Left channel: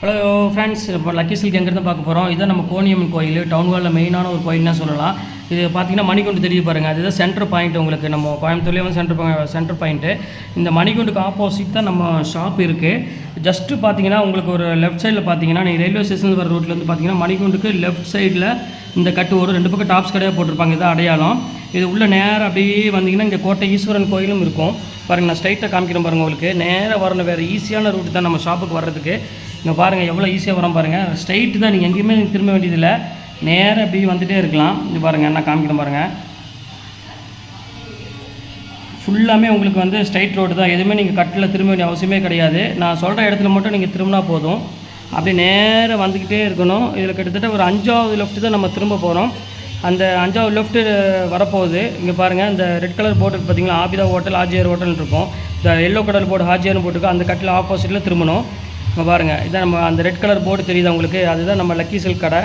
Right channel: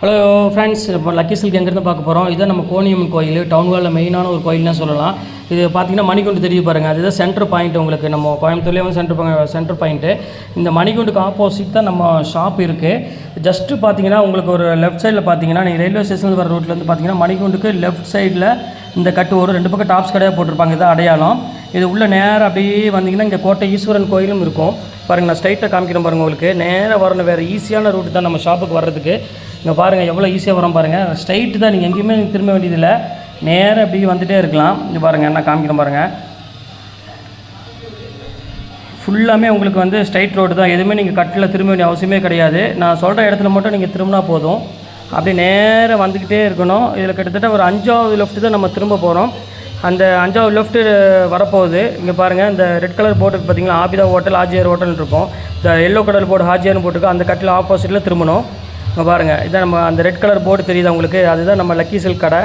Hello friends, இப்போ lucky silk எங்கேருந்து பார்க்க போகிறோம். இதுதான் நம்ம கோணியம்மன் கோயில், டவுன் ஹாலில் மெயினான ஒரு கோயில்னு சொல்லலாம். இது பார்த்தீங்கன்னா மணிகுண்டு தெரிய பாருங்கள், அதுதான் சென்டர் பாயிண்ட். உங்களுக்கு நம்ம கோயம்புத்தூர்லேயே வந்து சென்டர் பாயிண்ட்டு. இந்த மணிகுண்டுக்கு ஆப்போசிட் தான் நம்ம ஷாப் இருக்குது. ஜஸ்ட்டு பார்த்தீங்கன்னா உங்களுக்கு ஒரு லெஃப்ட் சைடில் பார்த்தீங்கன்னா நீங்கள் ரயில்வே ஸ்டேஷன் வர ரோட்லேருந்து பார்த்தீங்கன்னா மணிகுண்டுக்கு லெஃப்ட் சைடில் இந்த கட்டு ஒரு 2 பக்கம் டாப்ஸ் கடையாக போட்டிருப்பாங்க. இதான் அடையாளம். இது உள்ள நேராக அப்படியே வந்தீங்கன்னா இங்கே கோட்டை ஈஸ்வரன் கோயிலும் இருக்கும் பாருங்கள். நான் ஸ்ட்ரைட்டாக காமிக்கிறேன் பாருங்கள். உங்களுக்கு நேராக வரணும், வேறு ஈஸியான ரூட்டு தான் நம்ம ஷாப்புக்கு வர்றதுக்கு. இங்கே பாருங்கள் எவ்வளோ ஈஸியாக வரோம் பாருங்கள். ஸ்ட்ரைட்டு தான், நீங்கள் எங்கேயுமே திரும்ப வேண்டியதில்லை, நேராக அப்படி வந்துகிட்டே இருக்கலாம். இங்கே பாருங்கள், நான் காமிக்கிறேன் பாருங்கள். ஃபுல்லாமே உங்களுக்கு வந்து ஸ்ட்ரைட் ரோடு தான், எதுவுமே நீங்கள் கட்டில் திரும்ப வேண்டிய அவசியமே கிடையாது. நான் சொல்கிற இடத்துல மட்டும் நீங்கள் திரும்பினா போதும். அப்படியே நேராக வந்துக்கிட்டே இருக்கணும். இதில் கிட்டத்தட்ட ஒரு 5வது லெஃப்ட்டு தான் நம்ம திரும்ப போகிறோம். அந்த 5வது லெஃப்ட்டு வரப்போகுது. இங்கே பாருங்கள், இந்த ரெட் கலர் போர்டு பார்த்தீங்களா, ஆபிதா ஹோட்டல் ஹாஜியார் ஹோட்டல் இருக்கும். இந்த எல்லோ கலர் போர்டு ஹாஜியார்னு போட்டுருக்கோம். அந்த கட்டில் ஆப்போசிட்டில் திரும்பணும். இங்கே பாருங்கள், இதான் நம்ம அந்த ரெட் கலர் போர்டு தெரியுது உங்களுக்கு, அதுதான் நம்ம லக்கி சில்க் கடை.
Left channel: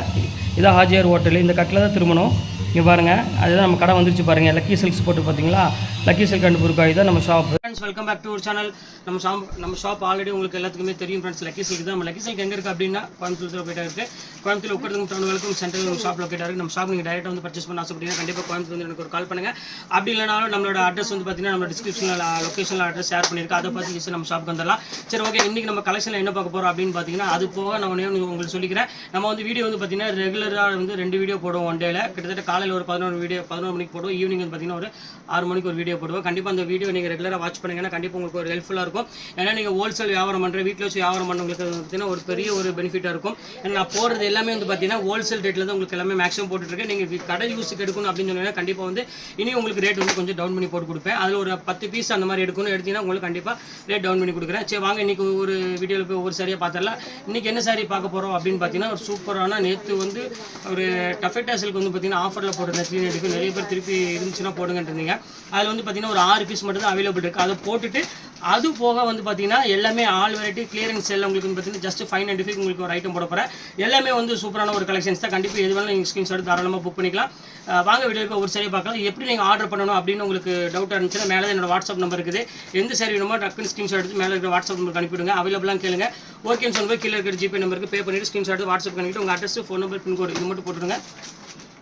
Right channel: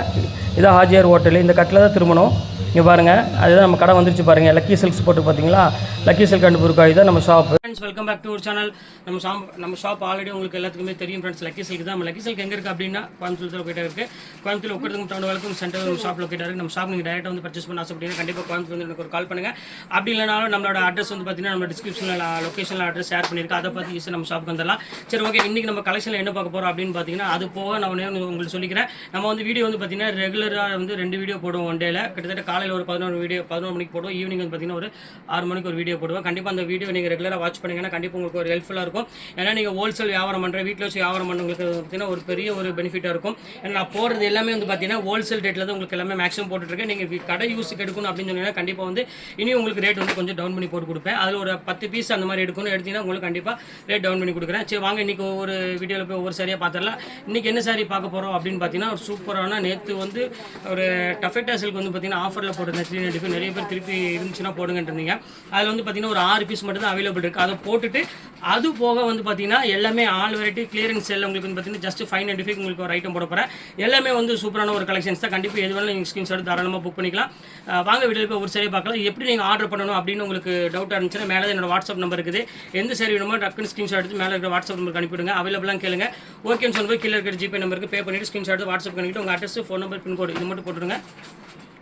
இதான் ஹாஜியார் ஹோட்டல். இந்த கட்டில் தான் திரும்பணும். இங்கே பாருங்கள், அதுதான் நம்ம கடை வந்துருச்சு பாருங்கள். லக்கி சில்க்ஸ் போட்டு பார்த்தீங்களா, லக்கி சில்க் அண்ட் புர்காய் தான் நம்ம shop. Friends, welcome back to ஒரு சேனல். நம்ம ஷாப் ஆல்ரெடி உங்களுக்கு எல்லாத்துக்குமே தெரியும் ஃப்ரெண்ட்ஸ். லக்கி சில்க் தான். நம்ம லக்கி சில்க் எங்கே இருக்குது அப்படின்னா கோயம்புத்தூர் லொக்கேட்டாக இருக்குது. கோயம்புத்தூர் உட்கிறதுக்கு டவுனுக்கும் சென்ட்ரல் ஷாப் லொக்கேட்டாக இருக்குது. நம்ம ஷாப் நீங்கள் டேரெக்டாக வந்து பர்ச்சேஸ் பண்ண ஆசைப்பட்டீங்கன்னா கண்டிப்பாக கோயம்புத்தூர் வந்து எனக்கு ஒரு கால் பண்ணுங்கள். அப்படி இல்லைனாலும் நம்மளோட அட்ரஸ் வந்து பார்த்தீங்கன்னா நம்ம டிஸ்கிரிப்ஷனில் லொக்கேஷனில் அட்ரஸ் ஷேர் பண்ணியிருக்கேன். அதை பார்த்து ஈஸியாக நம்ம ஷாப்புக்கு வந்துடலாம். சரி, ஓகே. இன்றைக்கி நம்ம கலெக்ஷனில் என்ன பார்க்க போகிறோம் அப்படின்னு பார்த்தீங்கன்னா, அது போக நான் உங்களுக்கு சொல்லிக்கிறேன். நம்ம வந்து வீடியோ வந்து பார்த்தீங்கன்னா ரெகுலராக வந்து 2 வீடியோ போடுவோம் ஒன் டேல. கிட்டத்தட்ட காலையில் ஒரு 11 மணிக்கு போடுவோம். ஈவினிங் வந்து பார்த்தீங்கன்னா ஒரு 6 மணிக்கு ஒரு வீடியோ போடுவோம். கண்டிப்பாக அந்த வீடியோ நீங்கள் ரெகுலராக வாட்ச் பண்ணிங்கன்னா கண்டிப்பாக உங்களுக்கு ஒரு ஹெல்ப்ஃபுல்லாக இருக்கும். ஏன்னா நீங்கள் ஹோல்சேல் வியாபாரம் பண்ணுற, வீட்டில் வச்சு வியாபாரம் பண்ணுறவங்களுக்கு பார்த்தீங்கன்னா ஒரு பெரிய ஒரு பெனிஃபிட்டாக இருக்கும். ஏன்னா நான் போடுறது எல்லாமே வந்து பார்த்தீங்கன்னா ஹோல்சேல் ரேட்டில் தான் உங்களுக்கு எல்லாமே மேக்ஸிமம் போட்டுருக்கேன். நீங்கள் கடை யூஸுக்கு எடுக்கணும் அப்படின்னு சொன்னீங்கன்னா கண்டிப்பாக வந்து இனி உங்களுக்கு ரேட் வந்து கொஞ்சம் டவுன் பண்ணி போட்டு கொடுப்பேன். அதில் ஒரு 10 பீஸ் அந்த மாதிரி எடுக்கணும் எடுத்தீங்கன்னா உங்களுக்கு கண்டிப்பாக ரேட் டவுன் பண்ணி கொடுக்குறேன். சரி, வாங்க இன்றைக்கி ஒரு வீடியோவில் போய் ஒரு சரியாக பார்த்துடலாம். இன்றைக்கி என்ன சாரி பார்க்க போகிறோம் அப்படின்னு பார்த்தீங்கன்னா, ஒரு சூப்பரான நேற்று வந்து ஒரு டஃபெட்டா சில்க் வந்து பார்த்தீங்கன்னா ஆஃபரில் போட்டு 3 எடுக்கு நிறைய பேர் திருப்பி இருந்துச்சுன்னா போடுங்கன்றீங்க. அதில் வந்து பார்த்தீங்கன்னா ஒரு 6 பீஸ் மட்டும் தான் அவைலபிள் இருக்குது. அதை போட்டுட்டு அது போக வந்து பார்த்தீங்கன்னா எல்லாமே ஆல் வெரைட்டி கிளியரன்ஸ் செல் உங்களுக்கு வந்து பார்த்தீங்கன்னா ஜஸ்ட் 595 உங்களுக்கு ஒரு ஐட்டம் போட போகிறேன். எல்லாமே வந்து சூப்பரான ஒரு கலெக்ஷன்ஸ் தான். கண்டிப்பாக எது வேணாலும் நீங்கள் ஸ்க்ரீன்ஷாட் தாராளமாக புக் பண்ணிக்கலாம். வாங்க வீடியோ போய் ஒரு சரியாக பார்க்கலாம். எப்படி நீங்கள் ஆர்டர் பண்ணணும் அப்படின்னு உங்களுக்கு டவுட்டாக இருந்துச்சுன்னா மேலே என்னோட வாட்ஸ்அப் நம்பர் இருக்குது. எந்த சாரி வேணுமோ டக்குன்னு ஸ்க்ரீன்ஷாட் எடுத்து மேலே இருக்கிற வாட்ஸ்அப் நம்பருக்கு அனுப்பிவிடுங்க. அவைலபிளாக கேளுங்க. ஓகேன்னு சொல்லும்போது கீழே இருக்கிற ஜிபே நம்பருக்கு பே பண்ணிவிட்டு ஸ்க்ரீன்ஷாட் எடுத்து வாட்ஸ்அப் பண்ணிவிட்டு உங்கள் அட்ரஸ், ஃபோன் நம்பர், பின்கோடு இது மட்டும் போட்டுருங்க.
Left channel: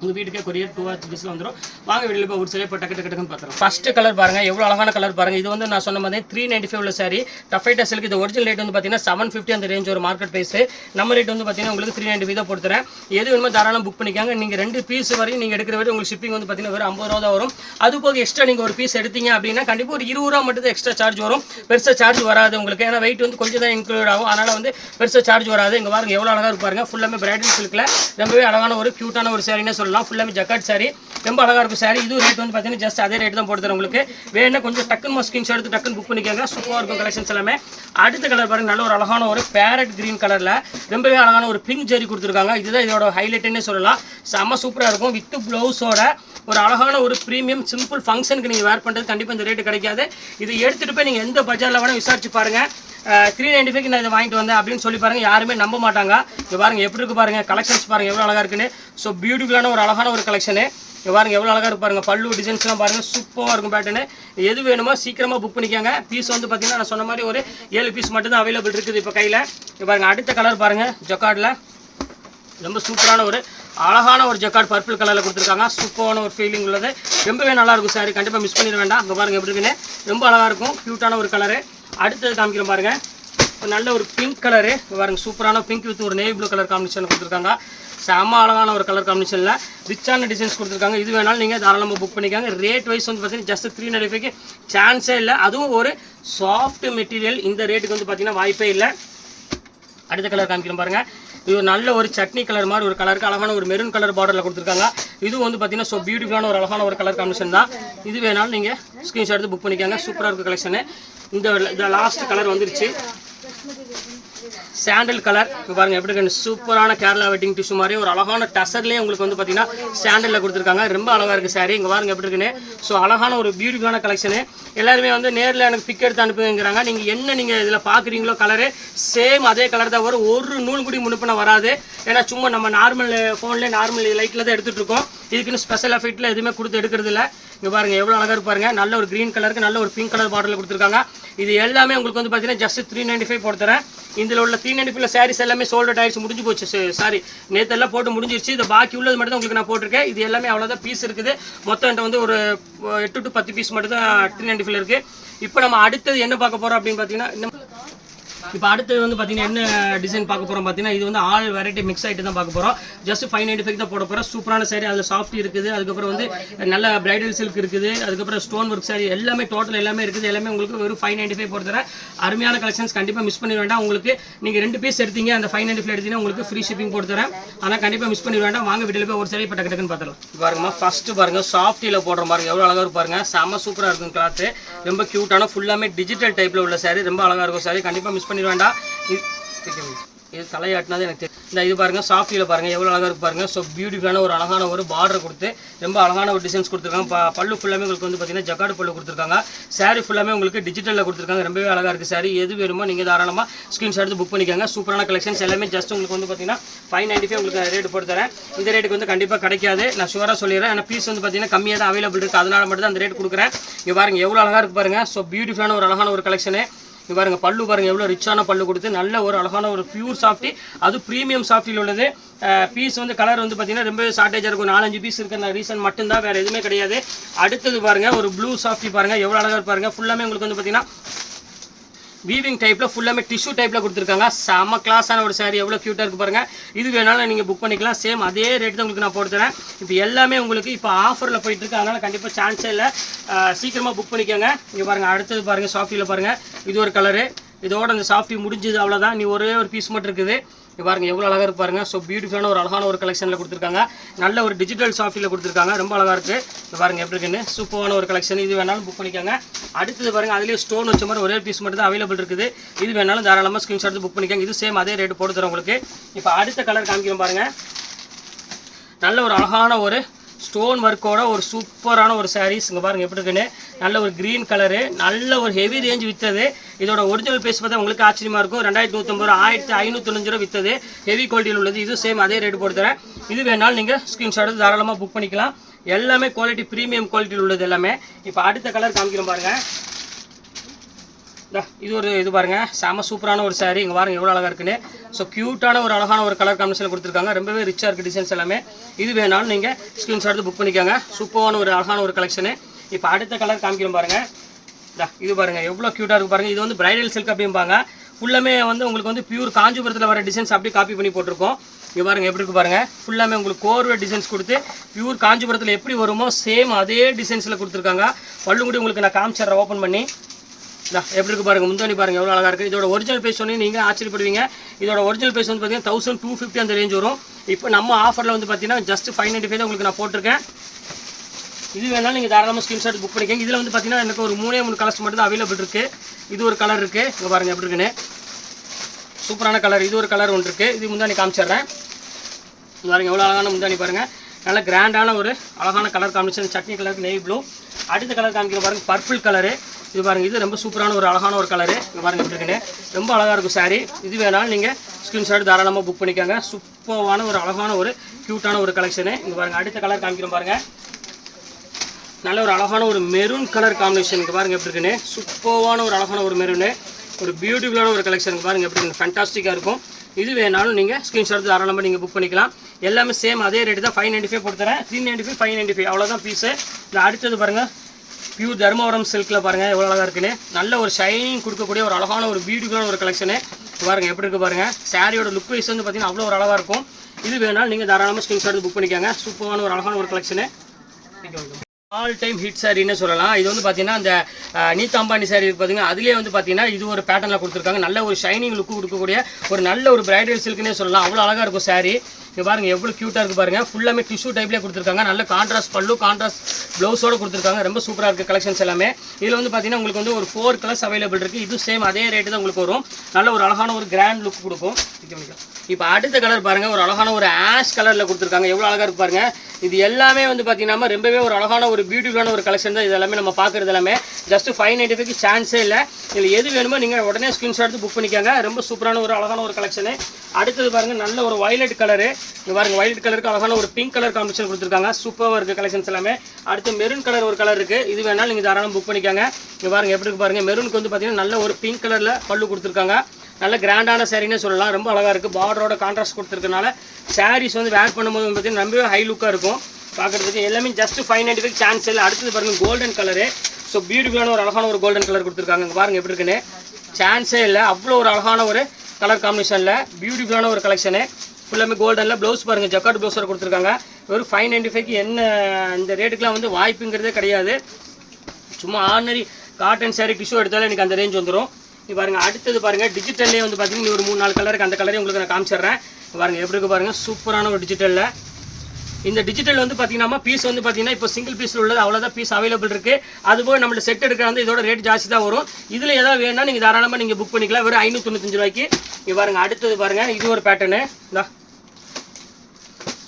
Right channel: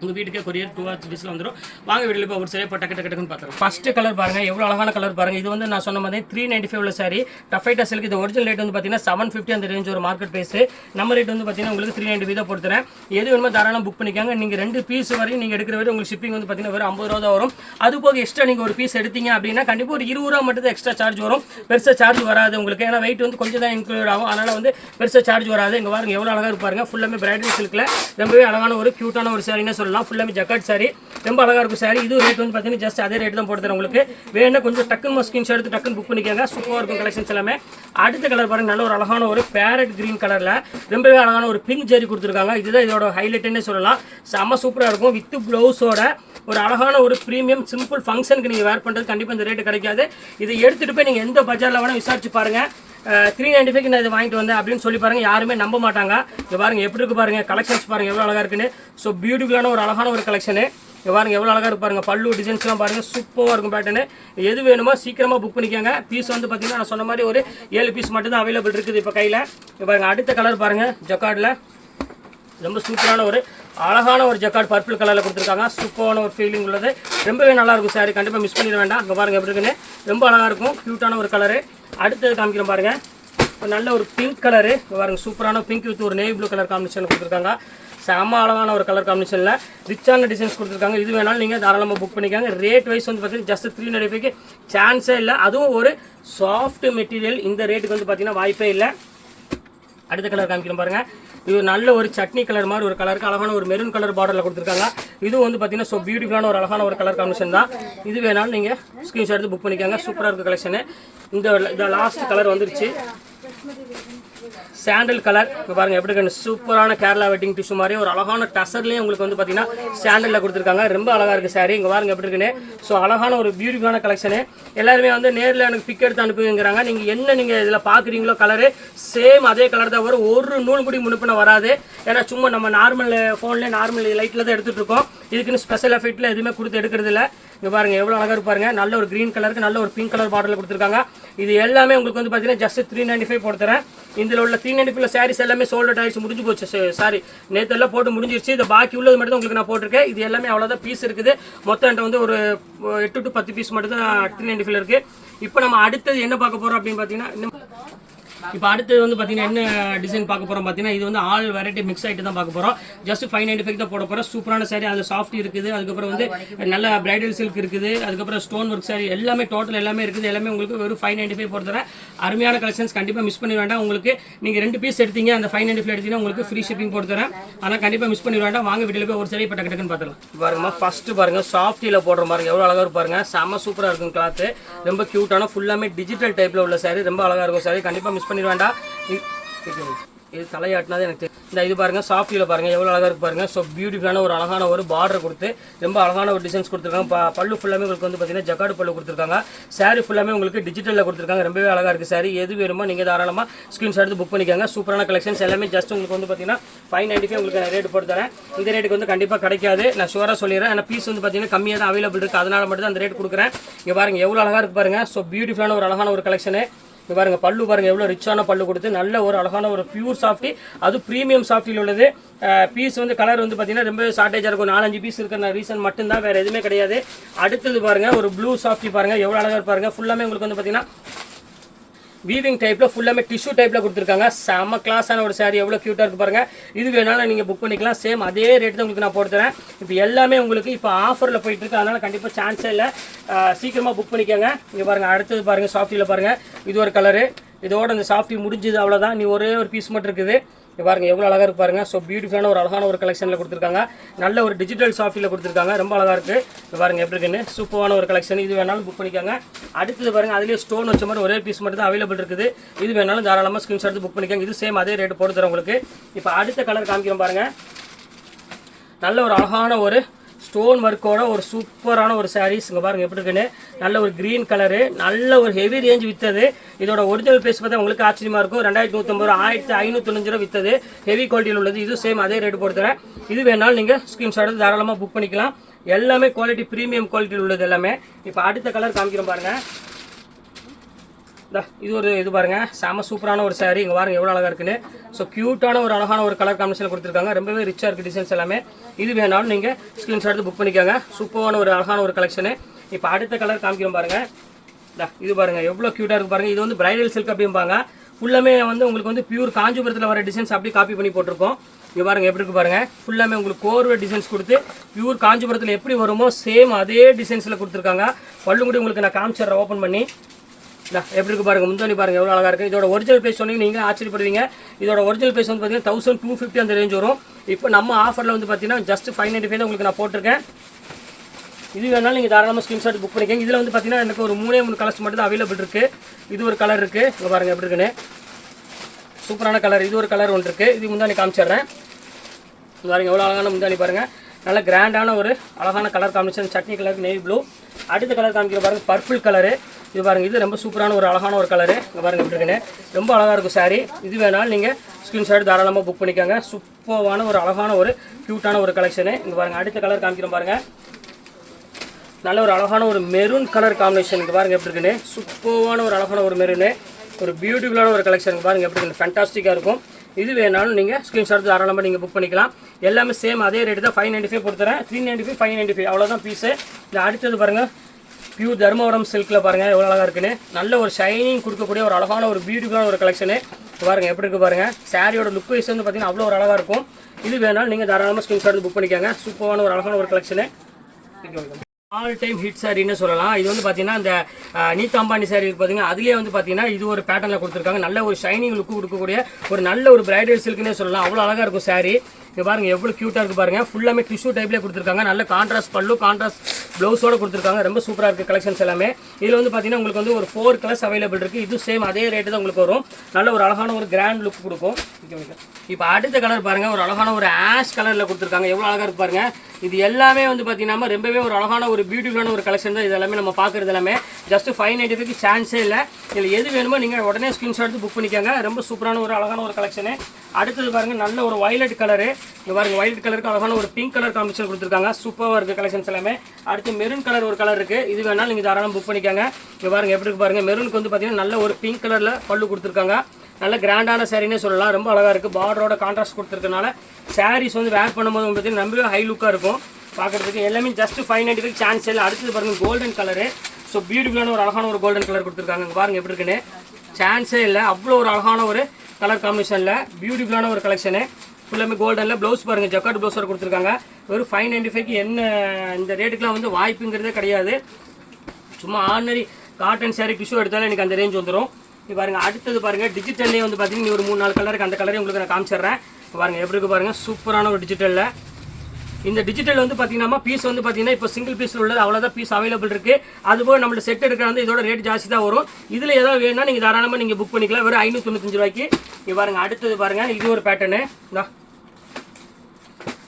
உங்கள் வீட்டுக்கே கொரியர் 2 or 3 days வந்துடும். வாங்க வீடியோ போய் ஒரு சரியாக இப்போ டக்குன்னு பார்த்துருவோம். ஃபஸ்ட்டு கலர் பாருங்கள், எவ்வளோ அழகான கலர் பாருங்கள். இது வந்து நான் சொன்ன மாதிரி 395 உள்ள சாரி டஃபைட்டா சில்க். இது ஒரிஜினல் ரேட் வந்து பார்த்தீங்கன்னா 750 அந்த ரேஞ்ச் ஒரு மார்க்கெட் ப்ரைஸ். நம்ம ரேட் வந்து பார்த்தீங்கன்னா உங்களுக்கு 395 தான் போட்டுறேன். எது வேணுமோ தாராளம் புக் பண்ணிக்காங்க. நீங்கள் 2 பீஸ் வரையும் நீங்கள் எடுக்கிற வரை உங்களுக்கு ஷிப்பிங் வந்து பார்த்தீங்கன்னா வெறும் 50 ரூபா தான் வரும். அது போக எக்ஸ்ட்ரா நீங்கள் ஒரு பீஸ் எடுத்தீங்க அப்படின்னா கண்டிப்பாக ஒரு 20 ரூபா மட்டும் தான் எக்ஸ்ட்ரா சார்ஜ் வரும். பெருசாக சார்ஜ் வராது உங்களுக்கு. ஏன்னா வெயிட் வந்து கொஞ்சம் தான் இன்க்ளூட் ஆகும். அதனால் வந்து பெருசாக சார்ஜ் வராது. இங்கே பாருங்க எவ்வளோ அழகாக இருப்பாருங்க. ஃபுல்லாமே பிரைடல் சில்கில் ரொம்பவே அழகான ஒரு க்யூட்டான ஒரு சாரின்னு சொல்லலாம். ஃபுல்லாமே ஜக்காட் சாரி, ரொம்ப அழகாக இருக்கும் சாரி. இது ரேட் வந்து பார்த்தீங்கன்னா ஜஸ்ட் அதே ரேட் தான் போட்டு தரேன் உங்களுக்கு. வேணும் கொஞ்சம் டக்குன்னு ஸ்கிரீன்ஷாட் எடுத்து டக்குன்னு புக் பண்ணிக்கோங்க. சூப்பராக இருக்கும் கலெக்ஷன்ஸ் எல்லாமே. அடுத்த கலர் பாருங்க, நல்ல ஒரு அழகான ஒரு பேரட் கிரீன் கலரில் ரொம்பவே அழகான ஒரு பிங்க் ஜெரி கொடுத்துருக்காங்க. இதுதான் இதோட ஹைலைட்னே சொல்லலாம். செம்ம சூப்பராக இருக்கும். வித் ப்ளவுஸோட ஒரு அழகான ஒரு ப்ரீமியம் சிம்பிள் ஃபங்க்ஷனுக்கு நீங்கள் வேர் பண்ணுறது கண்டிப்பாக இந்த ரேட்டு கிடைக்காது. இது எடுத்துகிட்டு போய் நீங்கள் எந்த பஜாரில் வேணால் விசாரிச்சு பாருங்கள். 395 நான் இதை வாங்கிட்டு வந்தேன் அப்படின்னு சொல்லி பாருங்கள், யாருமே நம்ப மாட்டாங்க. இங்கே பாருங்கள் எப்படி இருக்குது பாருங்கள், கலெக்ஷன்ஸ் பாருங்கள் எவ்வளோ அழகாக இருக்குன்னு. ஸோ பியூட்டிஃபுல்லான ஒரு அழகான ஒரு கலெக்ஷனு. இங்கே பாருங்கள் எவ்வளோ அழகாக இருப்பாருங்க. பல்லு டிசைன்ஸ்லாம் பாருங்கள் சூப்பராக இருக்கும் பேட்டர்னு. எது வேணுமோ சீக்கிரமாக புக் பண்ணிக்காங்க. பீஸ் வந்து பார்த்தீங்கன்னா நான் சொன்ன மாதிரி ஒரு 7 பீஸ் மட்டும் தான் அவைலபிள் இருக்குது இப்போ கையில். இங்கே பாருங்கள் அடுத்த கலர் பாருங்கள், ஜக்கார்டில் ரொம்ப சூப்பரான ஒரு அழகான ஒரு ஜக்கார்ட் பர்பிள் கலரில் கொடுத்துருக்காங்க. சூப்பரான ஒரு ஃபீலிங் உள்ளது. ரொம்பவே நல்லாயிருக்கும் சாரி, கண்டிப்பாக மிஸ் பண்ணிட வேண்டாம். இங்கே பாருங்கள் எப்படி இருக்குன்னு, ரொம்ப அழகாக இருக்கும். க்யூட்டான ஒரு கலரு. அடுத்தது காமிக்கிறேன் பாருங்கள், நல்ல ஒரு பிங்க் கலரு பாருங்கள். சூப்பரான பிங்க் வித் ஒரு நேவி ப்ளூ கலர் காம்பினேஷன் கொடுத்துருக்காங்க. செம்ம அழகான ஒரு கலர் காம்பினேஷனில் ரிச்சான டிசைன்ஸ் கொடுத்துருக்காங்க. இது வேணாலும் நீங்கள் தாராளமாக புக் பண்ணிக்காங்க. ரேட் வைஸ் வந்து பார்த்தீங்கன்னா ஜஸ்ட் 395 சான்ஸே இல்லை. அதுவும் ஒரு சாஃப்ட் மெட்டீரியல். இந்த ரேட்டுக்கு வந்து பார்த்தீங்கன்னா வாய்ப்பே இல்லை. அடுத்த கலர் காமிக்கிறோம் பாருங்கள். இது நல்ல ஒரு சட்னி கலர் மாதிரி ஒரு கலருக்கு அழகான ஒரு மெரூன் கலர் பார்டரில் கொடுத்துருக்காங்க. இது வந்து பார்த்தீங்கன்னா ஸோ பியூட்டிஃபுல்லான ஒரு அழகான ஒரு கலர் காம்பினேஷன் தான். இது வேணாலும் நீங்கள் ஸ்க்ரீன்ஷாட் எடுத்து புக் பண்ணிக்காங்க. சூப்பராக இருக்கும் கலெக்ஷனு. இந்த லாஸ்ட் கலர் வந்துருச்சு, சாண்டல் கலர். பாருங்க எப்படி இருக்கு, சூப்பரான கேரளா வெட்டிங் டிஷ்யூ மாதிரி ஒரு அழகான டசர்லேயே உங்களுக்கு வந்து பார்த்தீங்கன்னா சாண்டலில் கொடுத்துருக்காங்க. ரொம்ப அழகாக இருக்குது சாரி. இங்கே பாருங்க எப்படி இருக்குன்னு. ஸோ அழகான ஒரு பியூட்டிஃபுல்லான கலெக்ஷனு. எல்லாருமே வந்து நேரில் எனக்கு பிக் எடுத்து அனுப்புங்கிறாங்க. நீங்கள் என்ன நீங்கள் இதில் பார்க்குறீங்களோ கலரு சேம் அதே கலர் தான் வரும். ஒரு நூல் கூடி முன்னுப்பின வராது. ஏன்னா சும்மா நம்ம நார்மல் ஃபோனில் நார்மல் லைட்டில் தான் எடுத்துகிட்டு இருக்கோம். இதுக்குன்னு ஸ்பெஷல் எஃபெக்ட்டில் எதுவுமே கொடுத்து எடுக்கிறது இல்லை. இங்கே பாருங்கள் எவ்வளோ அழகாக இருப்பாருங்க. நல்ல ஒரு க்ரீன் கலருக்கு நல்ல ஒரு பிங்க் கலர் பார்டரில் கொடுத்துருக்காங்க. இது எல்லாமே உங்களுக்கு வந்து பார்த்தீங்கன்னா ஜஸ்ட் 395 போட்டு தரேன். இதில் உள்ள 395 சாரீஸ் எல்லாமே சோல்ட் அவுட் ஆயிடுச்சு, முடிஞ்சு போச்சு. சாரி, நேற்று எல்லாம் போட்டு முடிஞ்சிருச்சு. இது பாக்கி உள்ளது மட்டும் தான் உங்களுக்கு நான் போட்டிருக்கேன். இது எல்லாமே அவ்வளோதான் பீஸ் இருக்குது. மொத்தம் என்கிட்ட வந்து ஒரு 8 to 10 பீஸ் மட்டும் தான் 395 இருக்குது. இப்போ நம்ம அடுத்தது என்ன பார்க்க போகிறோம் அப்படின்னு பார்த்தீங்கன்னா, இப்போ அடுத்தது வந்து பார்த்தீங்கன்னா என்ன டிசைன் பார்க்க போகிறோம் பார்த்தீங்கன்னா, இது வந்து ஆல் வெரைட்டி மிக்ஸ் ஆகிட்டு தான் பார்க்க போகிறோம். ஜஸ்ட் 595 தான் போட போகிறோம். சூப்பரான சாரி, அதில் சாஃப்ட் இருக்குது, அதுக்கப்புறம் வந்து நல்ல பிரைடல் சில்க் இருக்குது, அதுக்கப்புறம் ஸ்டோன் ஒர்க் சாரி எல்லாமே டோட்டல் எல்லாமே இருக்குது. எல்லாமே உங்களுக்கு வெறும் 595 பொறுத்தவரை அருமையான கலெக்ஷன்ஸ். கண்டிப்பாக மிஸ் பண்ணி வேண்டாம். உங்களுக்கு நீங்கள் 2 பீஸ் எடுத்தீங்க, அந்த 595 எடுத்தீங்கன்னா உங்களுக்கு ஃப்ரீ ஷிப்பிங் போட்டு தரேன். ஆனால் கண்டிப்பாக மிஸ் பண்ணி வேண்டாம். வாங்க வீட்டில் போய் ஒரு சாரி இப்போ டக்குன்னு பார்த்துக்கலாம். பாருங்கம்மா, ஃபஸ்ட்டு பாருங்கள், சாஃப்டியில் போடுற பாருங்க, எவ்வளோ அழகாக இருக்கும் பாருங்கள். செம்ம சூப்பராக இருக்கும் கிளாத்து, ரொம்ப க்யூட்டான ஃபுல்லாமே டிஜிட்டல் டைப்பில் உள்ள சாரி, ரொம்ப அழகாக இருக்கும் சாரி. கண்டிப்பாக மிஸ் பண்ணி வேண்டாம். இது தலையாட்டினது எனக்கு இந்த இது பாருங்கள், சாஃப்டியில் பாருங்கள் எவ்வளோ அழகாக இருக்கு பாருங்கள். ஸோ பியூட்டிஃபுல்லான ஒரு அழகான ஒரு பார்டர் கொடுத்து ரொம்ப அழகான ஒரு டிசைன்ஸ் கொடுத்துருக்காங்க. பல்லு ஃபுல்லாமே உங்களுக்கு வந்து பார்த்தீங்கன்னா ஜக்காடு பல்லு கொடுத்துருக்காங்க. சாரி ஃபுல்லாமே உங்களுக்கு டிஜிட்டலில் கொடுத்துருக்காங்க. ரொம்பவே அழகாக இருக்குது சாரி. எது வேணுமோ நீங்கள் தாராளமாக ஸ்க்ரீன்ஷாட் எடுத்து புக் பண்ணிக்கோங்க. சூப்பரான கலெக்ஷன்ஸ் எல்லாமே ஜஸ்ட் உங்களுக்கு வந்து பார்த்தீங்கன்னா 595 உங்களுக்கு ரேட் போட்டு தரேன். இந்த ரேட்டுக்கு வந்து கண்டிப்பாக கிடைக்காது, நான் ஷுவராக சொல்லிடுறேன். ஆனால் பீஸ் வந்து பார்த்தீங்கன்னா கம்மியாக தான் அவைலபிள் இருக்குது, அதனால் மட்டும் தான் அந்த ரேட் கொடுக்குறேன். இங்கே பாருங்கள் எவ்வளோ அழகாக இருக்குது பாருங்கள். ஸோ பியூட்டிஃபுல்லான ஒரு அழகான ஒரு கலெக்ஷனு. இங்கே பாருங்கள், பல்லு பாருங்கள் எவ்வளோ ரிச்சான பல்லு கொடுத்து நல்ல ஒரு அழகான ஒரு பியூர் சாஃப்டி, அது ப்ரீமியம் சாஃப்டியில் உள்ளது. பீஸ் வந்து கலர் வந்து பார்த்தீங்கன்னா ரொம்ப ஷார்ட்டேஜாக இருக்கும். 4-5 பீஸ் இருக்கிற ரீசன் மட்டும்தான், வேறு எதுவுமே கிடையாது. அடுத்தது பாருங்கள், ஒரு ப்ளூ சாஃப்டி பாருங்கள் எவ்வளோ அழகாக பாருங்கள். ஃபுல்லாமே உங்களுக்கு வந்து பார்த்தீங்கன்னா வீவிங் டைப்பில் ஃபுல்லாமே டிஷ்யூ டைப்பில் கொடுத்துருக்காங்க. செம்ம கிளாஸான ஒரு சாரி, எவ்வளோ க்யூட்டாக இருக்குது பாருங்கள். இது வேணாலும் நீங்கள் புக் பண்ணிக்கலாம். சேம் அதே ரேட் தான் உங்களுக்கு நான் போட்டு தரேன். இப்போ எல்லாமே உங்களுக்கு இப்போ ஆஃபரில் போயிட்டுருக்கு, அதனால் கண்டிப்பாக சான்ஸே இல்லை. சீக்கிரமாக புக் பண்ணிக்கோங்க. இங்கே பாருங்கள், அடுத்தது பாருங்கள், சாஃப்டியில் பாருங்கள். இது ஒரு கலரு, இதோட அந்த சாஃப்டி முடிஞ்சது, அவ்வளோதான். நீ ஒரே ஒரு பீஸ் மட்டும் இருக்குது. பாருங்கள் எவ்வளோ அழகாக இருக்கு பாருங்கள். ஸோ பியூட்டிஃபுல்லான ஒரு அழகான ஒரு கலெக்ஷனில் கொடுத்துருக்காங்க. நல்ல ஒரு டிஜிட்டல் சாஃப்டியில் கொடுத்துருக்காங்க, ரொம்ப அழகாக இருக்குது. பாருங்கள் எப்படி இருக்குன்னு, சூப்பரான ஒரு கலெக்ஷன். இது வேணாலும் புக் பண்ணிக்கோங்க. அடுத்தது பாருங்கள், அதுலேயே ஸ்டோன் வச்ச மாதிரி ஒரே பீஸ் மட்டும் தான் அவைலபிள் இருக்குது. இது வேணாலும் தாராளமாக ஸ்க்ரீன்ஷாட் எடுத்து புக் பண்ணிக்கோங்க. இது சேம் அதே ரேட்டு போட்டு தரேன் உங்களுக்கு. இப்போ அடுத்த கலர் காமிக்கிறோம் பாருங்கள். நல்ல ஒரு அழகான ஒரு ஸ்டோன் ஒர்க்கோட ஒரு சூப்பரான ஒரு சாரீஸ். இங்கே பாருங்கள் எப்படி இருக்குன்னு, நல்ல ஒரு க்ரீன் கலரு, நல்ல ஒரு ஹெவி ரேஞ்ச் விற்றது. இதோட ஒரிஜினல் ப்ரைஸ் பார்த்தா உங்களுக்கு ஆச்சரியமாக இருக்கும். 2150, 1595 ரூபா விற்றது. ஹெவி குவாலிட்டியில் உள்ளது. இது சேம் அதே ரேட்டு போட்டு தரேன். இது வேணாலும் நீங்கள் ஸ்க்ரீன்ஷாட் தாராளமாக புக் பண்ணிக்கலாம். எல்லாமே குவாலிட்டி ப்ரீமியம் குவாலிட்டியில் உள்ளது எல்லாமே. இப்போ அடுத்த கலர் காமிக்கிறோம் பாருங்கள். இது பாருங்கள், செம சூப்பரான ஒரு சாரீ. இங்கே பாருங்கள் எவ்வளோ அழகாக இருக்குன்னு. ஸோ க்யூட்டான ஒரு அழகான ஒரு கலர் காம்பினேஷன் கொடுத்துருக்காங்க. ரொம்பவே ரிச்சாக இருக்குது டிசைன்ஸ் எல்லாமே. இது வேணாலும் நீங்கள் ஸ்க்ரீன்ஷாட் எடுத்து புக் பண்ணிக்கோங்க. சூப்பரான ஒரு அழகான ஒரு கலெக்ஷனு. இப்போ அடுத்த கலர் காமிக்கிறோம் பாருங்கள். இது பாருங்கள் எவ்வளோ க்யூட்டாக இருக்குது பாருங்கள். இது வந்து பிரைடல் சில்க் அப்படிம்பாங்க. ஃபுல்லாமே வந்து உங்களுக்கு வந்து பியூர் காஞ்சிபுரத்தில் வர டிசைன்ஸ் அப்படி காப்பி பண்ணி போட்டிருக்கோம். இங்கே பாருங்கள் எப்படி இருக்குது பாருங்கள். ஃபுல்லாமே உங்களுக்கு கோர்வை டிசைன்ஸ் கொடுத்து பியூர் காஞ்சிபுரத்தில் எப்படி வருமோ சேம் அதே டிசைன்ஸில் கொடுத்துருக்காங்க. பல்லு கூட உங்களுக்கு நான் காமிச்சிடுறேன் ஓப்பன் பண்ணி. எப்படி இருக்குது பாருங்கள், முந்தானி பாருங்கள் எவ்வளோ அழகாக இருக்குது. இதோட ஒரிஜினல் ப்ரைஸ் சொன்னீங்க நீங்கள் ஆச்சரியப்படுவீங்க. இதோட ஒரிஜினல் ப்ரைஸ் வந்து பார்த்தீங்கன்னா 1250 அந்த ரேஞ்ச் வரும். இப்போ நம்ம ஆஃபரில் வந்து பார்த்தீங்கன்னா ஜஸ்ட் 595 தான் உங்களுக்கு நான் போட்டிருக்கேன். இது வேணாலும் நீங்கள் தாராளமாக ஸ்க்ரீன்ஷாட் புக் பண்ணிக்கோங்க. இதில் வந்து பார்த்தீங்கன்னா எனக்கு ஒரு 3 கலர்ஸ் மட்டும் தான் அவைலபிள் இருக்குது. இது ஒரு கலர் இருக்குது, இங்கே பாருங்கள் எப்படி இருக்குன்னு, சூப்பரான கலர். இது ஒரு கலர் ஒன்று இருக்குது. இது முந்தானி காமிச்சிடுறேன். இது பாருங்கள் எவ்வளோ அழகான முந்தானி பாருங்கள். நல்ல கிராண்டான ஒரு அழகான colour combination, chutney colour, navy blue. அடுத்த கலர் காமிக்கிற பாருங்கள் பர்பிள் கலரு. இது பாருங்கள், இது ரொம்ப சூப்பரான ஒரு அழகான ஒரு கலரு. இங்கே பாருங்கள் எப்படி இருக்குன்னு, ரொம்ப அழகாக இருக்கும் சாரீ. இது வேணாலும் நீங்கள் ஸ்க்ரீன்ஷாட் தாராளமாக புக் பண்ணிக்கோங்க. சூப்பரான ஒரு அழகான ஒரு க்யூட்டான ஒரு கலெக்ஷனு. இங்கே பாருங்கள் அடுத்த கலர் காமிக்கிறோம் பாருங்கள். நல்ல ஒரு அழகான ஒரு மெரூன் கலர் காம்பினேஷன். இங்கே பாருங்கள் எப்படி இருக்குன்னு, சூப்பரான ஒரு அழகான ஒரு மெரூனு, ஒரு பியூட்டிஃபுல்லான ஒரு கலெக்ஷன். பாருங்கள் எப்படி இருக்குது, ஃபேண்டாஸ்டிக்காக இருக்கும். இது வேணாலும் நீங்கள் ஸ்க்ரீன்ஷாட் தாராளமாக நீங்கள் புக் பண்ணிக்கலாம். எல்லாமே சேம் அதே ரேட்டு தான். 595 போட்டு தரேன். 395, 595 அவ்வளோதான் பீஸு. இந்த அடுத்தது பாருங்கள், பியூர் தர்மவரம் சில்கில் பாருங்கள் எவ்வளோ அழகாக இருக்குன்னு, நல்ல ஒரு ஷைனிங் கொடுக்கக்கூடிய ஒரு அழகான ஒரு பியூட்டிஃபுல்லான ஒரு கலெக்ஷனு. பாருங்கள் எப்படி இருக்குது பாருங்கள். சாரியோட லுக் வைஸ் வந்து பார்த்தீங்கன்னா அவ்வளோ ஒரு அழகாக இருக்கும். இது வேணாலும் நீங்கள் தாராளமாக ஸ்க்ரீன்ஷாட் புக் பண்ணிக்கோங்க. சூப்பரான ஒரு அழகான ஒரு கலெக்ஷனு. ஆல் டைம் ஹிட் சாரின்னு சொல்லலாம். இது வந்து பார்த்தீங்கன்னா அந்த நீதா அம்பானி சாரி பார்த்தீங்கன்னா அதுலேயே வந்து பார்த்தீங்கன்னா இது ஒரு பேட்டர்னில் கொடுத்துருக்காங்க. நல்ல ஒரு ஷைனிங் லுக்கு கொடுக்கக்கூடிய ஒரு நல்ல ஒரு பிரைடல் சில்க்னே சொல்லலாம். அவ்வளோ அழகாக இருக்கும் சாரி. இங்கே பாருங்கள் எவ்வளோ க்யூட்டாக இருக்குது பாருங்கள். ஃபுல்லாமே டிஷ்யூ டைப்லேயே கொடுத்துருக்காங்க. நல்ல கான்ட்ராஸ்ட் பல்லு, கான்ட்ராஸ்ட் ப்ளவுஸோடு கொடுத்துருக்காங்க. ரொம்ப சூப்பராக இருக்குது கலெக்ஷன்ஸ் எல்லாமே. இதில் வந்து பார்த்தீங்கன்னா உங்களுக்கு வந்து ஒரு 4 கலர்ஸ் அவைலபிள் இருக்குது. இது சேம் அதே ரேட்டு தான் உங்களுக்கு வரும். நல்ல ஒரு அழகான ஒரு கிராண்ட் லுக் கொடுக்கும். இப்போ அடுத்த கலர் பாருங்கள், ஒரு அழகான ஒரு ஆஷ் கலரில் கொடுத்துருக்காங்க. எவ்வளோ அழகாக இருக்கு பாருங்கள். இது எல்லாமே வந்து பார்த்தீங்கன்னா ரொம்பவே ஒரு அழகான ஒரு பியூட்டிஃபுல்லான ஒரு கலெக்ஷன் தான். இது எல்லாமே நம்ம பார்க்குறது எல்லாமே ஜஸ்ட் 595 சான்ஸே இல்லை. இதில் எது வேணுமோ நீங்கள் உடனே ஸ்க்ரீன்ஷாட் எடுத்து புக் பண்ணிக்கோங்க. ரொம்ப சூப்பரான ஒரு அழகான ஒரு கலெக்ஷனு. அடுத்தது பாருங்கள், நல்ல ஒரு வயலட் கலரு. இங்கே பாருங்கள் வயலட் கலருக்கு அழகான ஒரு பிங்க் கலர் காம்பினேஷன் கொடுத்துருக்காங்க. சூப்பராக இருக்குது கலெக்ஷன்ஸ் எல்லாமே. அடுத்து மெரூன் கலர் ஒரு கலர் இருக்குது. இது வேணாலும் நீங்கள் தாராளமாக புக் பண்ணிக்கோங்க. இங்கே பாருங்கள் எப்படி இருக்கு பாருங்கள். மெரூனுக்கு வந்து பார்த்தீங்கன்னா நல்ல ஒரு பிங்க் கலரில் பல்லு கொடுத்துருக்காங்க. நல்ல கிராண்டான சாரீனே சொல்லலாம். ரொம்ப அழகாக இருக்குது. பார்டரோட கான்ட்ராஸ்ட் கொடுத்துருக்கனால சாரீஸ் வந்து வேர் பண்ணும்போது பார்த்தீங்கன்னா ரொம்பவே ஹை லுக்காக இருக்கும் பார்க்குறதுக்கு. எல்லாமே ஜஸ்ட் 595 சான்ஸ் இல்லை. அடுத்தது பாருங்கள் கோல்டன் கலரு. ஸோ பியூட்டிஃபுல்லான ஒரு அழகான ஒரு கோல்டன் கலர் கொடுத்துருக்காங்க. இங்கே பாருங்கள் எப்படி இருக்குன்னு, சான்ஸே இல்லை. அவ்வளோ ஒரு அழகான ஒரு கலர் காம்பினேஷனில் பியூட்டிஃபுல்லான ஒரு கலெக்ஷனு. ஃபுல்லாமே கோல்டனில் ப்ளவுஸ் பாருங்கள் ஜக்கார்ட் ப்ளவுஸோட கொடுத்துருக்காங்க. வெறும் 595க்கு என்ன இந்த ரேட்டுக்குலாம் வந்து வாய்ப்புங்கிறதே கிடையாது. சும்மா ஆர்டினரி காட்டன் சாரீ டிஷ்யூ எடுத்தாலும் எனக்கு அந்த ரேஞ்ச் வந்துடும். இது பாருங்கள். அடுத்தது பாருங்கள் டிஜிட்டல்லே வந்து பார்த்தீங்கன்னா ஒரு 3-4 கலருக்கு அந்த கலரையும் உங்களுக்கு நான் காமிச்சிடுறேன். பாருங்கள் எப்படி இருக்குது பாருங்கள், சூப்பரான ஒரு டிஜிட்டலில். இந்த டிஜிட்டல் வந்து பார்த்தீங்கன்னா பீஸ் வந்து பார்த்தீங்கன்னா இப்போ சிங்கிள் பீஸில் உள்ளது அவ்வளோதான் பீஸ் அவைலபிள் இருக்குது. அதுபோல் நம்மளுக்கு செட் எடுக்கிறது இதோட ரேட் ஜாஸ்தி தான் வரும். இதில் எதாவது வேணும்னா நீங்கள் தாராளமாக நீங்கள் புக் பண்ணிக்கலாம். வெறும் 595 ரூபாய்க்கு. இங்கே பாருங்கள். அடுத்தது பாருங்கள், இது ஒரு பேட்டர்னு. இந்த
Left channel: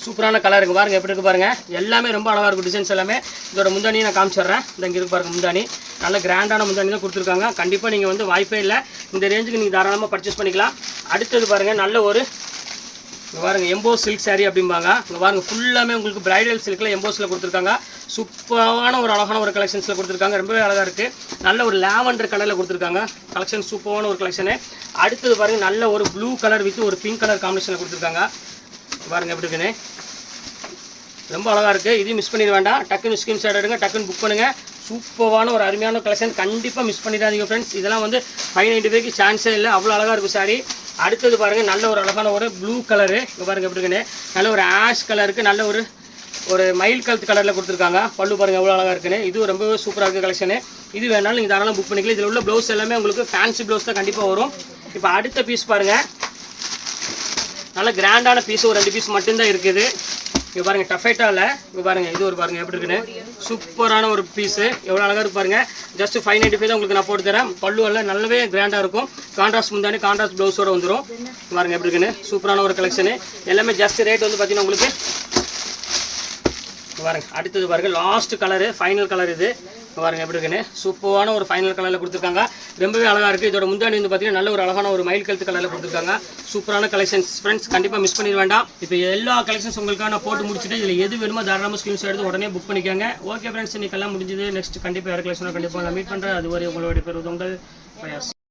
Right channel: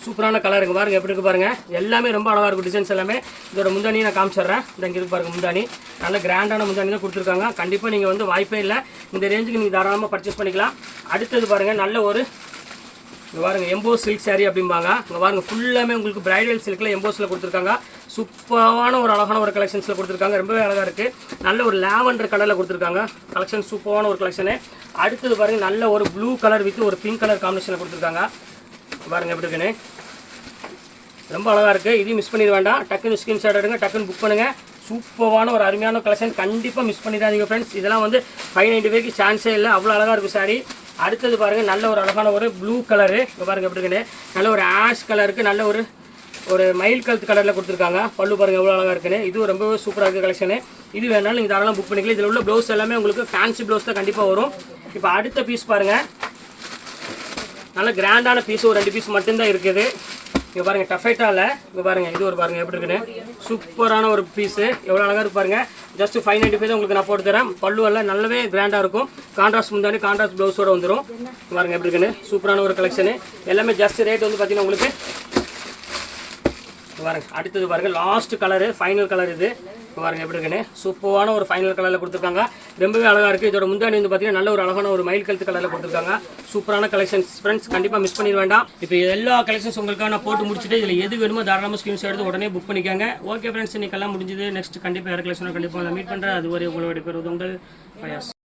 சூப்பரான கலர் இருக்குது பாருங்கள் எப்படி இருக்குது பாருங்கள். எல்லாமே ரொம்ப அழகாக இருக்கும் டிசைன்ஸ் எல்லாமே. இதோட முந்தானி நான் காமிச்சிடுறேன். இந்த இங்கே இருக்கு பாருங்கள் முந்தானி. நல்ல கிராண்டான முந்தானி தான் கொடுத்துருக்காங்க. கண்டிப்பாக நீங்கள் வந்து வாய்ப்பே இல்லை, இந்த ரேஞ்சுக்கு நீங்கள் தாராளமாக பர்ச்சேஸ் பண்ணிக்கலாம். அடுத்தது பாருங்கள், நல்ல ஒரு இங்கே பாருங்கள் எம்போ சில்க் சாரீ அப்படிம்பாங்க. இங்கே பாருங்கள் ஃபுல்லாமே உங்களுக்கு பிரைடல் சில்கில் எம்போஸில் கொடுத்துருக்காங்க. சூப்பரான ஒரு அழகான ஒரு கலெக்ஷன்ஸில் கொடுத்துருக்காங்க. ரொம்பவே அழகாக இருக்குது. நல்ல ஒரு லாவெண்டர் கலரில் கொடுத்துருக்காங்க. கலெக்ஷன் சூப்பரான ஒரு கலெக்ஷனு. அடுத்தது பாருங்கள் நல்ல ஒரு ப்ளூ கலர் வித் ஒரு பிங்க் கலர் காம்பினேஷனில் கொடுத்துருக்காங்க. பாருங்கள் எப்படி இருக்குன்னு, ரொம்ப அழகாக இருக்குது. இதையும் மிஸ் பண்ணிட வேண்டாம். டக்குன்னு ஸ்கிரீன்ஷாட் எடுங்க, டக்குன்னு புக் பண்ணுங்கள். சூப்பரான ஒரு அருமையான கலெக்ஷன். கண்டிப்பாக மிஸ் பண்ணிடாதீங்க ஃப்ரெண்ட்ஸ். இதெல்லாம் வந்து 595க்கு சான்ஸே இல்லை, அவ்வளோ அழகாக இருக்கும் சாரீ. அடுத்தது பாருங்கள் நல்ல ஒரு அழகான ஒரு ப்ளூ கலரு. இப்போ பாருங்கள் எப்படி இருக்குன்னு, நல்ல ஒரு ஆஷ் கலருக்கு நல்ல ஒரு மயில் கழுத்து கலரில் கொடுத்துருக்காங்க. பல்லு பாருங்கள் எவ்வளோ அழகாக இருக்குன்னு. இது ரொம்பவே சூப்பராக இருக்குது கலெக்ஷனு. இது வேணாலும் நீங்கள் தாராளமாக புக் பண்ணிக்கலாம். இதில் உள்ள ப்ளவுஸ் எல்லாமே உங்களுக்கு ஃபேன்சி ப்ளவுஸ் தான் கண்டிப்பாக வரும். இப்போ அடுத்த பீஸ் பாருங்கள், நல்ல கிராண்டான பீஸ். ஒரு 2 பீஸ் மட்டும்தான் இருக்குது. இங்கே பாருங்கள் டஃபைட்டாவில். இங்கே பாருங்கள் இது ஒரு பாருங்கள் எப்படி இருக்குன்னு, சூப்பரான ஒரு பீஸு. எவ்வளோ அழகாக இருக்கு பாருங்கள். ஜஸ்ட் 595 தான் உங்களுக்கு நான் போட்டு தரேன். பல்லு எல்லாம் நல்லாவே கிராண்டாக இருக்கும். கான்ட்ராஸ்ட் முந்தானி கான்ட்ராஸ்ட் ப்ளவுஸோடு வந்துடும். பாருங்கள் எப்படி இருக்குன்னு, சூப்பரான ஒரு கலெக்ஷனு. எல்லாமே ஜஸ்ட் ரேட் வந்து பார்த்தீங்கன்னா உங்களுக்கு பாருங்கள். அடுத்தது பாருங்கள் லாஸ்ட் கலரு, ஃபைனல் கலர் இது. பாருங்கள் எப்படி இருக்குன்னு, சூப்பரான ஒரு ஃபைனல் கலரில் கொடுத்துருக்காங்க. ரொம்பவே அழகாக இருக்குது. இதோட முந்தானி வந்து பார்த்தீங்கன்னா நல்ல ஒரு அழகான ஒரு மயில் கழுத்து கலரில் கொடுத்துருக்காங்க. சூப்பரான கலெக்ஷன்ஸ் ஃப்ரெண்ட்ஸ், கண்டிப்பாக மிஸ் பண்ணிட வேண்டாம். இப்போ எல்லா கலெக்ஷன்ஸ் உங்களுக்காக நான் போட்டு முடிச்சுட்டு இதில் எது வேணுமோ தாராளமாக ஸ்கிரீன்ஷாட் எடுத்து உடனே புக் பண்ணிக்காங்க. ஓகே ஃப்ரெண்ட்ஸ், இன்னைக்கு எல்லாம் முடிஞ்சது. நெக்ஸ்ட் கண்டிப்பாக வேறு கலெக்ஷனாக கண்டிப்பாக நான் மீட் பண்ணுறேன். அதுவரை உங்களுடைய பேர் உங்கள் பயாஸ்.